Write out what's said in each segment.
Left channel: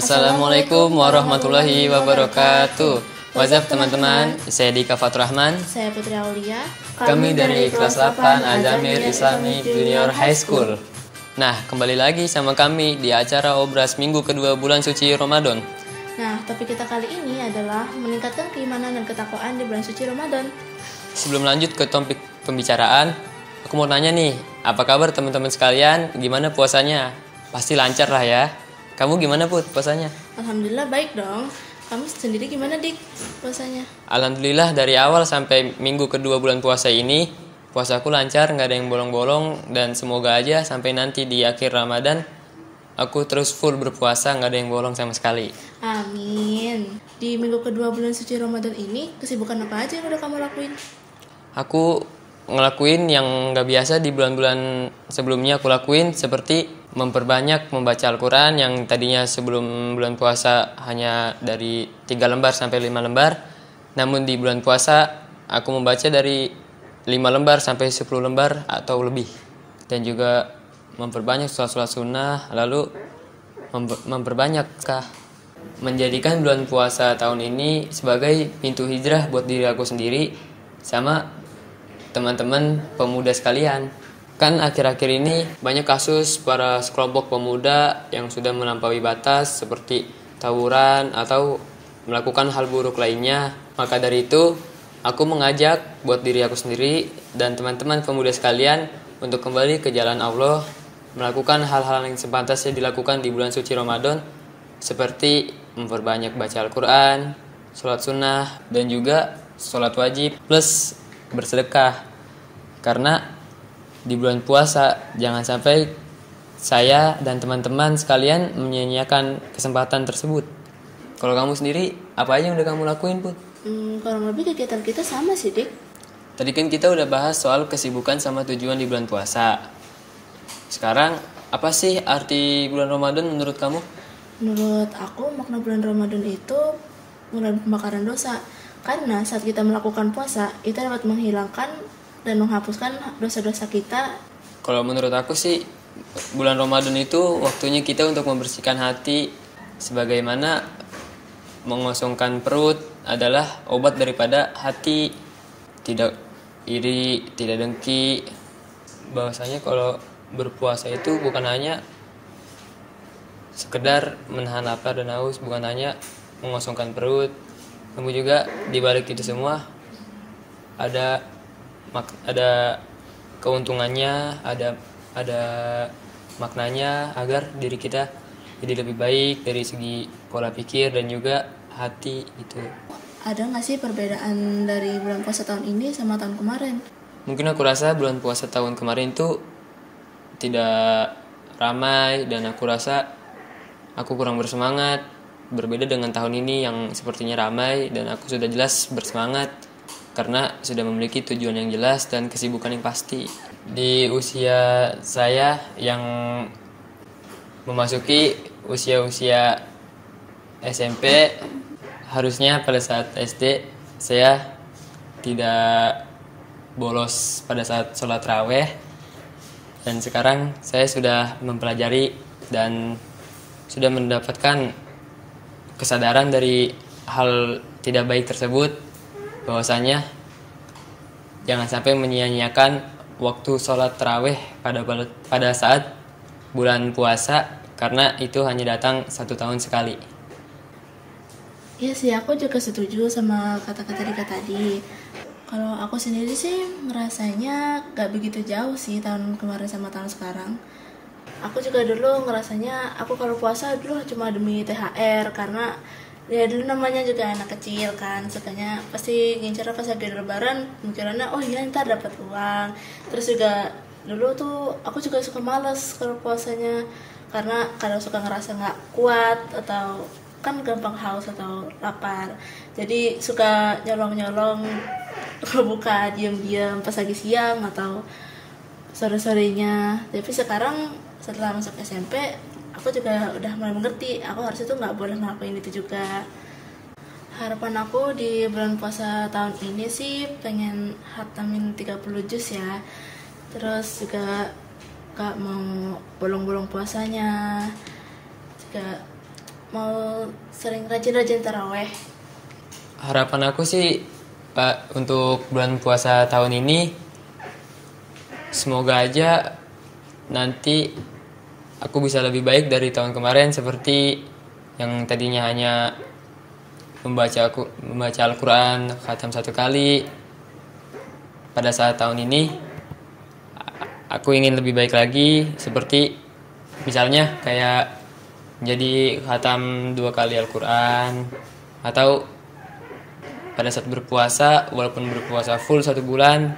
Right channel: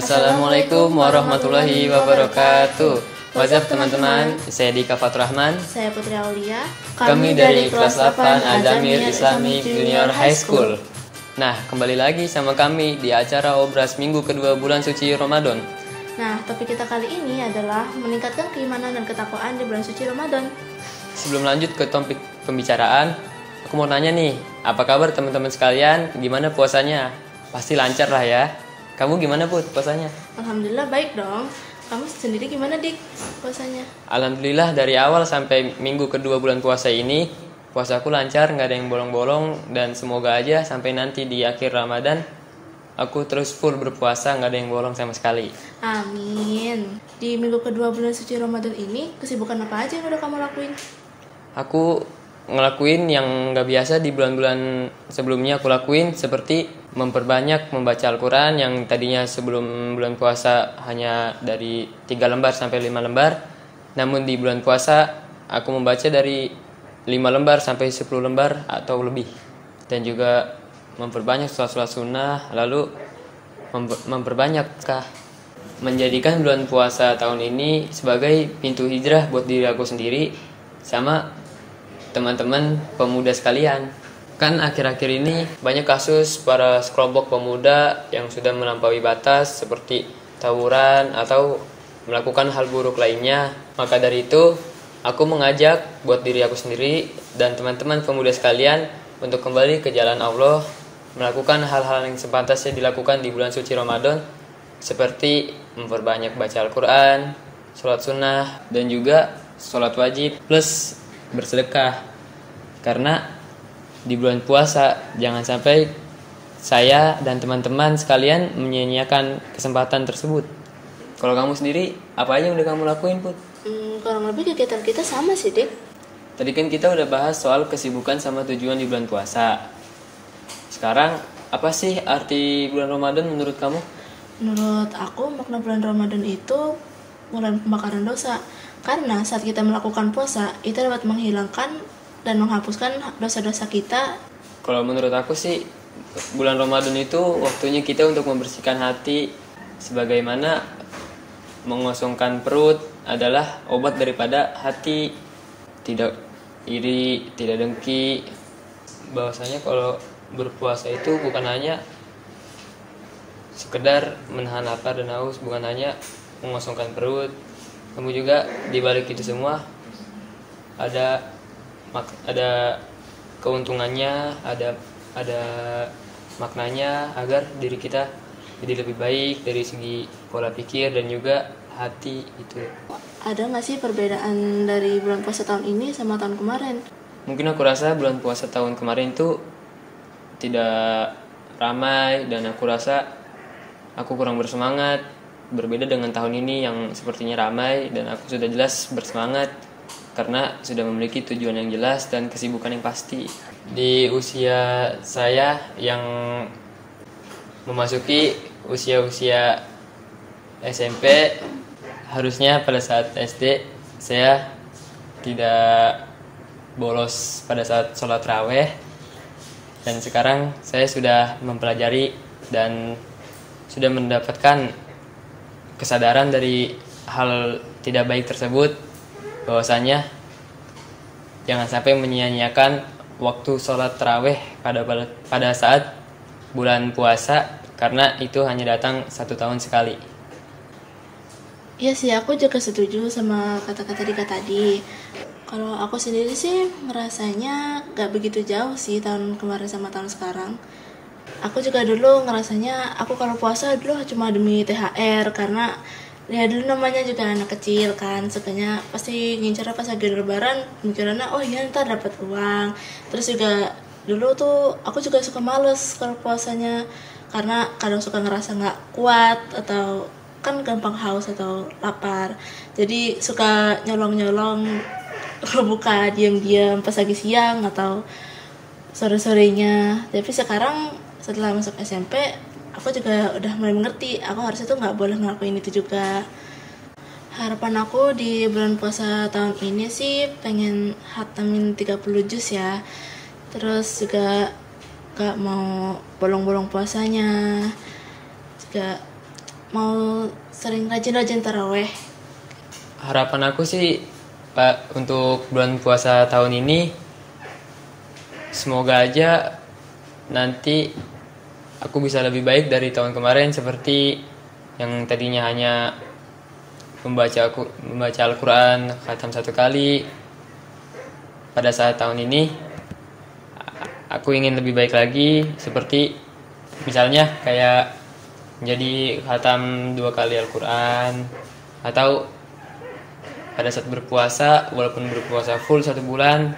Assalamualaikum warahmatullahi wabarakatuh. What's up teman-teman, saya Dika Faturrahman. Saya Putri Aulia. Kami dari kelas 8 Azamir Islamic Junior High School. Nah, kembali lagi sama kami di acara Obras Minggu kedua bulan suci Ramadan. Nah, topik kita kali ini adalah meningkatkan keimanan dan ketakwaan di bulan suci Ramadan. Sebelum lanjut ke topik pembicaraan, aku mau nanya nih, apa kabar teman-teman sekalian? Gimana puasanya? Pasti lancar lah ya. Kamu gimana Put puasanya? Alhamdulillah baik dong. Kamu sendiri gimana Dik puasanya? Alhamdulillah dari awal sampai minggu kedua bulan puasa ini, puasaku lancar, nggak ada yang bolong-bolong, dan semoga aja sampai nanti di akhir Ramadan aku terus full berpuasa, nggak ada yang bolong sama sekali. Amin. Di minggu kedua bulan suci Ramadan ini, kesibukan apa aja yang udah kamu lakuin? Aku ngelakuin yang nggak biasa di bulan-bulan sebelumnya aku lakuin, seperti memperbanyak membaca Al-Quran yang tadinya sebelum bulan puasa hanya dari 3 lembar sampai 5 lembar. Namun di bulan puasa aku membaca dari 5 lembar sampai 10 lembar atau lebih. Dan juga memperbanyak sholat-sholat sunnah, lalu memperbanyak menjadikan bulan puasa tahun ini sebagai pintu hijrah buat diri aku sendiri sama teman-teman pemuda sekalian. Kan akhir-akhir ini banyak kasus para sekelompok pemuda yang sudah melampaui batas seperti tawuran atau melakukan hal buruk lainnya. Maka dari itu, aku mengajak buat diri aku sendiri dan teman-teman pemuda sekalian untuk kembali ke jalan Allah, melakukan hal-hal yang sepantasnya dilakukan di bulan suci Ramadan, seperti memperbanyak baca Al-Quran, sholat sunnah, dan juga sholat wajib plus bersedekah. Karena di bulan puasa jangan sampai saya dan teman-teman sekalian menyia-nyiakan kesempatan tersebut. Kalau kamu sendiri, apa aja yang udah kamu lakuin, Put? Kurang lebih kegiatan kita sama sih Dik. Tadi kan kita udah bahas soal kesibukan sama tujuan di bulan puasa. Sekarang, apa sih arti bulan Ramadan menurut kamu? Menurut aku makna bulan Ramadan itu bulan pembakaran dosa. Karena saat kita melakukan puasa, itu dapat menghilangkan dan menghapuskan dosa-dosa kita. Kalau menurut aku sih, bulan Ramadan itu waktunya kita untuk membersihkan hati, sebagaimana mengosongkan perut adalah obat daripada hati. Tidak iri, tidak dengki. Bahwasanya kalau berpuasa itu bukan hanya sekedar menahan lapar dan haus, bukan hanya mengosongkan perut. Kamu juga dibalik itu semua ada keuntungannya, ada maknanya agar diri kita jadi lebih baik dari segi pola pikir dan juga hati itu. Ada nggak sih perbedaan dari bulan puasa tahun ini sama tahun kemarin? Mungkin aku rasa bulan puasa tahun kemarin tuh tidak ramai dan aku rasa aku kurang bersemangat, berbeda dengan tahun ini yang sepertinya ramai dan aku sudah jelas bersemangat karena sudah memiliki tujuan yang jelas dan kesibukan yang pasti. Di usia saya yang memasuki usia-usia SMP, harusnya pada saat SD saya tidak bolos pada saat sholat raweh, dan sekarang saya sudah mempelajari dan sudah mendapatkan kesadaran dari hal tidak baik tersebut, bahwasanya jangan sampai menyia-nyiakan waktu sholat tarawih pada saat bulan puasa, karena itu hanya datang 1 tahun sekali. Iya sih, aku juga setuju sama kata-kata Dika tadi. Kalau aku sendiri sih ngerasanya gak begitu jauh sih tahun kemarin sama tahun sekarang. Aku juga dulu ngerasanya aku kalau puasa dulu cuma demi THR, karena ya dulu namanya juga anak kecil kan, sukanya pasti ngincer pas lagi lebaran, ngincernya oh iya ntar dapat uang. Terus juga dulu tuh aku juga suka males kalau puasanya, karena kadang suka ngerasa nggak kuat atau kan gampang haus atau lapar, jadi suka nyolong-nyolong berbuka diam-diam pas lagi siang atau sore-sorenya. Tapi sekarang setelah masuk SMP, aku juga udah mulai mengerti, aku harusnya tuh nggak boleh ngelakuin itu juga. Harapan aku di bulan puasa tahun ini sih pengen hatamin 30 juz ya. Terus juga gak mau bolong-bolong puasanya. Juga mau sering rajin-rajin taraweh. Harapan aku sih Pak, untuk bulan puasa tahun ini semoga aja nanti aku bisa lebih baik dari tahun kemarin, seperti yang tadinya hanya membaca Al-Quran khatam 1 kali. Pada saat tahun ini aku ingin lebih baik lagi, seperti misalnya kayak jadi khatam 2 kali Al-Quran, atau pada saat berpuasa walaupun berpuasa full 1 bulan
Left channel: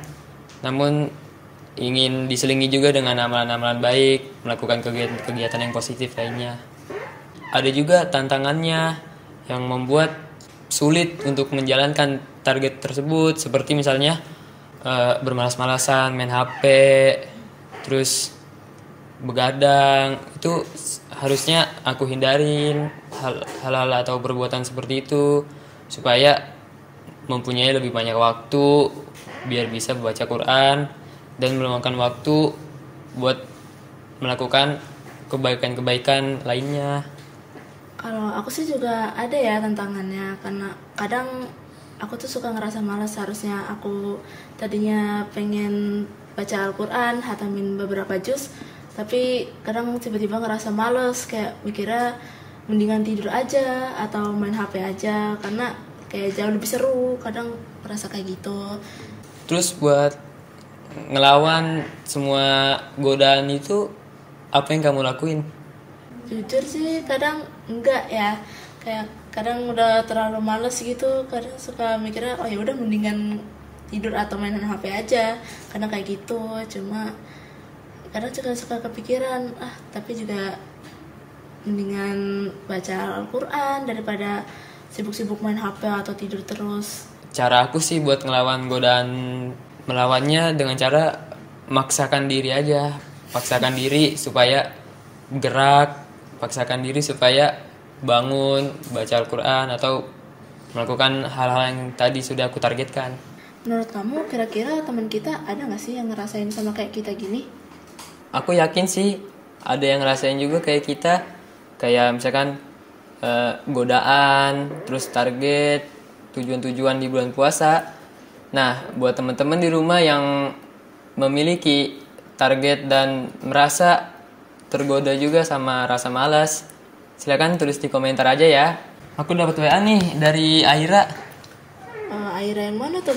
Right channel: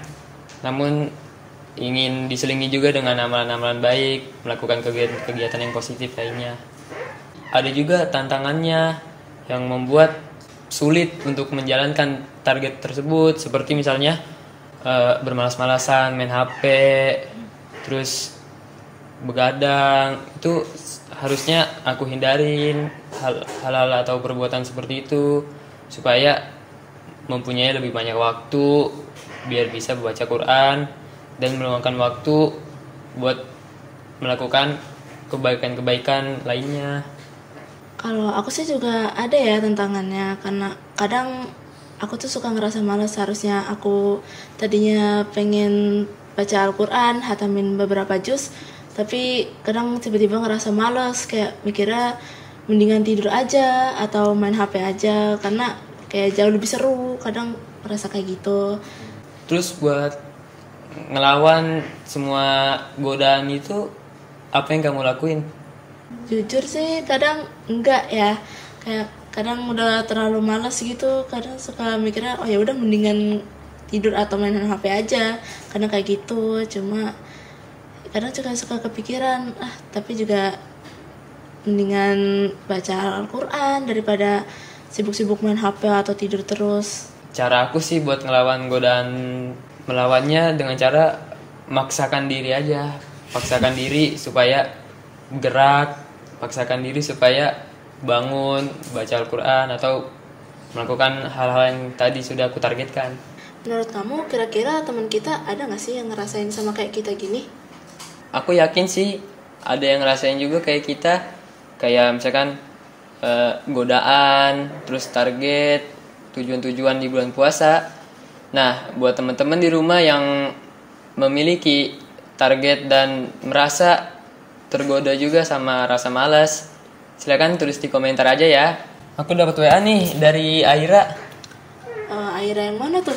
namun ingin diselingi juga dengan amalan-amalan baik, melakukan kegiatan yang positif lainnya. Ada juga tantangannya yang membuat sulit untuk menjalankan target tersebut, seperti misalnya bermalas-malasan, main HP, terus begadang. Itu harusnya aku hindarin hal-hal atau perbuatan seperti itu, supaya mempunyai lebih banyak waktu biar bisa baca Quran dan meluangkan waktu buat melakukan kebaikan-kebaikan lainnya. Kalau aku sih juga ada ya tantangannya, karena kadang aku tuh suka ngerasa malas. Harusnya aku tadinya pengen baca Al-Quran, hatamin beberapa juz, tapi kadang tiba-tiba ngerasa malas, kayak mikirnya mendingan tidur aja atau main HP aja, karena kayak jauh lebih seru. Kadang ngerasa kayak gitu. Terus buat ngelawan semua godaan itu, apa yang kamu lakuin? Jujur sih kadang enggak ya, kayak kadang udah terlalu malas gitu, kadang suka mikirnya oh ya udah mendingan tidur atau main HP aja, karena kayak gitu. Cuma kadang juga suka kepikiran tapi juga mendingan baca Al-Quran daripada sibuk-sibuk main HP atau tidur terus. Cara aku sih buat ngelawan godaan, melawannya dengan cara maksakan diri aja. Paksakan diri supaya gerak, paksakan diri supaya bangun, baca Al-Quran, atau melakukan hal-hal yang tadi sudah aku targetkan. Menurut kamu kira-kira teman kita ada gak sih yang ngerasain sama kayak kita gini? Aku yakin sih ada yang ngerasain juga kayak kita. Kayak misalkan godaan, terus target, tujuan-tujuan di bulan puasa. Nah, buat teman-teman di rumah yang memiliki target dan merasa tergoda juga sama rasa malas, silakan tulis di komentar aja ya. Aku dapat WA nih dari Aira. Aira yang mana tuh?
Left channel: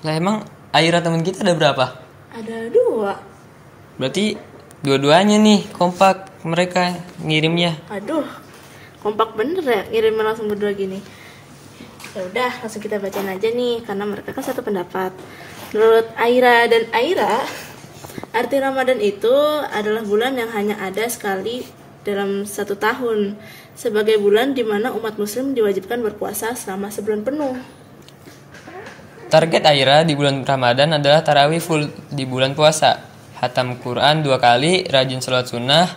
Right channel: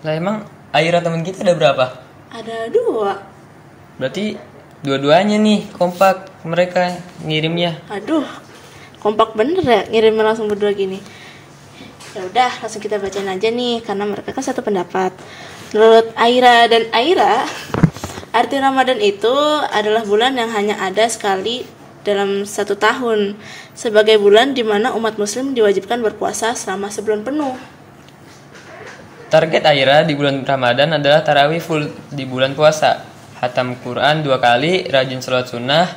Lah emang Aira teman kita ada berapa? Ada 2. Berarti dua-duanya nih kompak mereka ngirimnya. Aduh, kompak bener ya ngirimnya langsung berdua gini. Ya udah, langsung kita bacain aja nih, karena mereka kan satu pendapat. Menurut Aira dan Aira, arti Ramadan itu adalah bulan yang hanya ada sekali dalam 1 tahun, sebagai bulan di mana umat muslim diwajibkan berpuasa selama sebulan penuh. Target Aira di bulan Ramadan adalah tarawih full di bulan puasa, khatam Quran 2 kali, rajin sholat sunnah.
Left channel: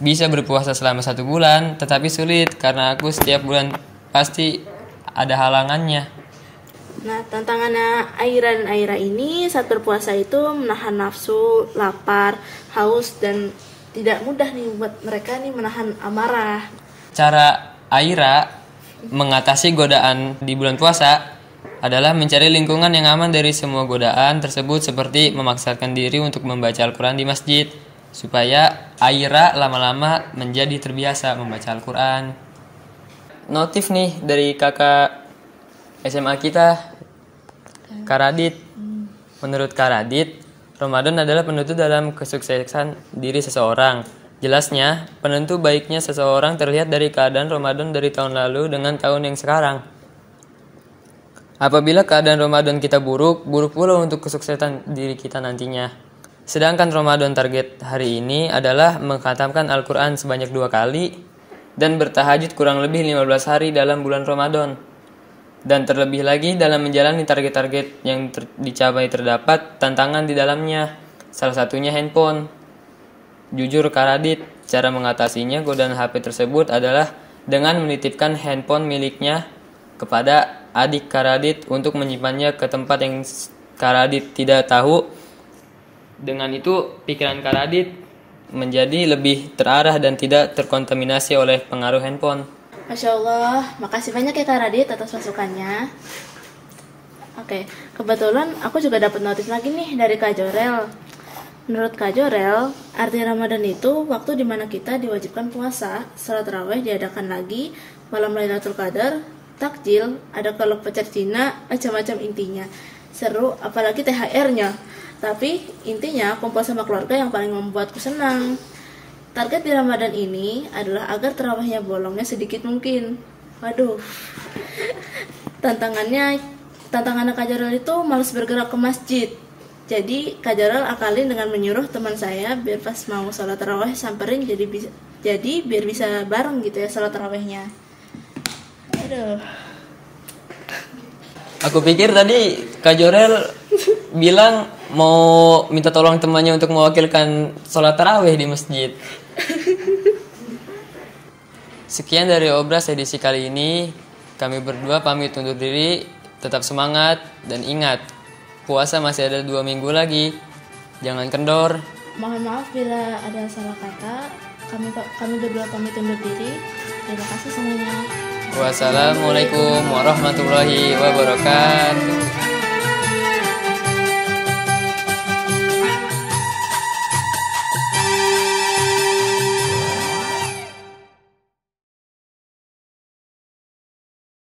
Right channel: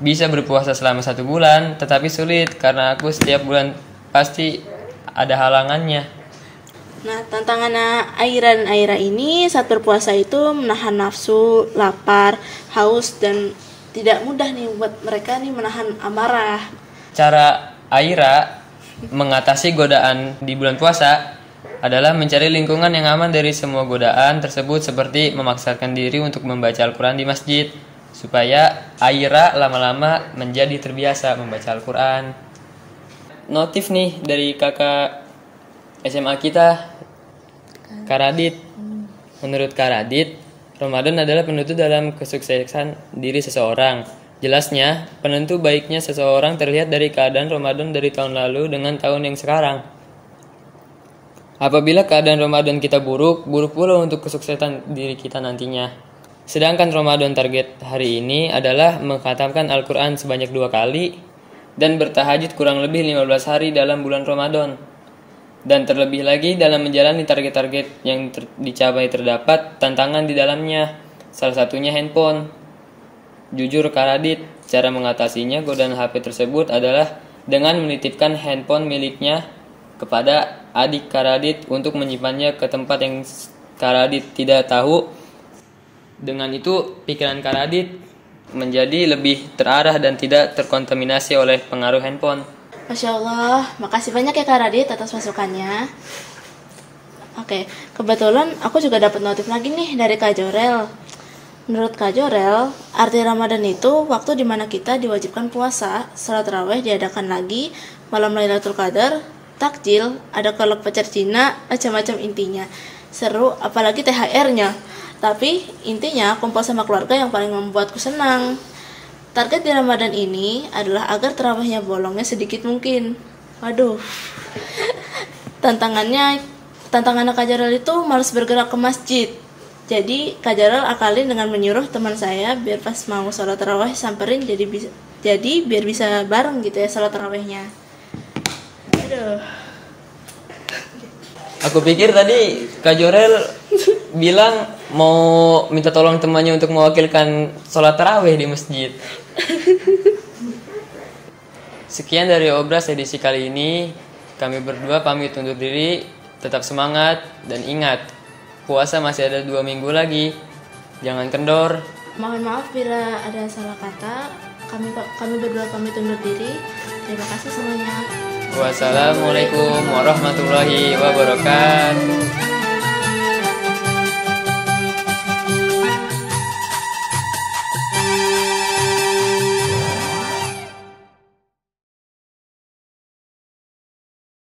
Bisa berpuasa selama 1 bulan, tetapi sulit karena aku setiap bulan pasti ada halangannya. Nah, tantangannya Aira dan Aira ini saat berpuasa itu menahan nafsu, lapar, haus, dan tidak mudah nih buat mereka nih menahan amarah. Cara Aira mengatasi godaan di bulan puasa adalah mencari lingkungan yang aman dari semua godaan tersebut, seperti memaksakan diri untuk membaca Al-Quran di masjid, supaya Aira lama-lama menjadi terbiasa membaca Al-Quran. Notif nih dari kakak SMA kita, Kak Radit. Menurut Kak Radit, Ramadan adalah penutup dalam kesuksesan diri seseorang. Jelasnya, penentu baiknya seseorang terlihat dari keadaan Ramadan dari tahun lalu dengan tahun yang sekarang. Apabila keadaan Ramadan kita buruk pula untuk kesuksesan diri kita nantinya. Sedangkan Ramadan target hari ini adalah mengkhatamkan Al-Quran sebanyak 2 kali dan bertahajud kurang lebih 15 hari dalam bulan Ramadan. Dan terlebih lagi dalam menjalani target-target yang dicapai terdapat tantangan di dalamnya. Salah satunya handphone. Jujur Kak Radit, cara mengatasinya godaan HP tersebut adalah dengan menitipkan handphone miliknya kepada adik Kak Radit untuk menyimpannya ke tempat yang Kak Radit tidak tahu. Dengan itu pikiran Kak Radit menjadi lebih terarah dan tidak terkontaminasi oleh pengaruh handphone. Masya Allah, makasih banyak ya Kak Radit atas masukannya. Oke, kebetulan aku juga dapat notif lagi nih dari Kak Jorel. Menurut Kak Jorel, arti Ramadan itu waktu dimana kita diwajibkan puasa, salat tarawih diadakan lagi, malam Lailatul Qadar, takjil, ada kolak pacar Cina, macam-macam intinya. Seru, apalagi THR-nya. Tapi intinya kumpul sama keluarga yang paling membuatku senang. Target di Ramadan ini adalah agar tarawihnya bolongnya sedikit mungkin. Waduh. Tantangannya Kak Jorel itu malas bergerak ke masjid. Jadi Kak Jorel akalin dengan menyuruh teman saya biar pas mau sholat tarawih samperin jadi biar bisa bareng gitu ya sholat tarawihnya. Aduh. Aku pikir tadi Kak Jorel bilang mau minta tolong temannya untuk mewakilkan sholat tarawih di masjid. Sekian dari Obras edisi kali ini. Kami berdua pamit undur diri. Tetap semangat dan ingat, puasa masih ada 2 minggu lagi. Jangan kendor. Mohon maaf bila ada salah kata. Kami berdua pamit undur diri. Terima kasih semuanya. Wassalamualaikum warahmatullahi wabarakatuh.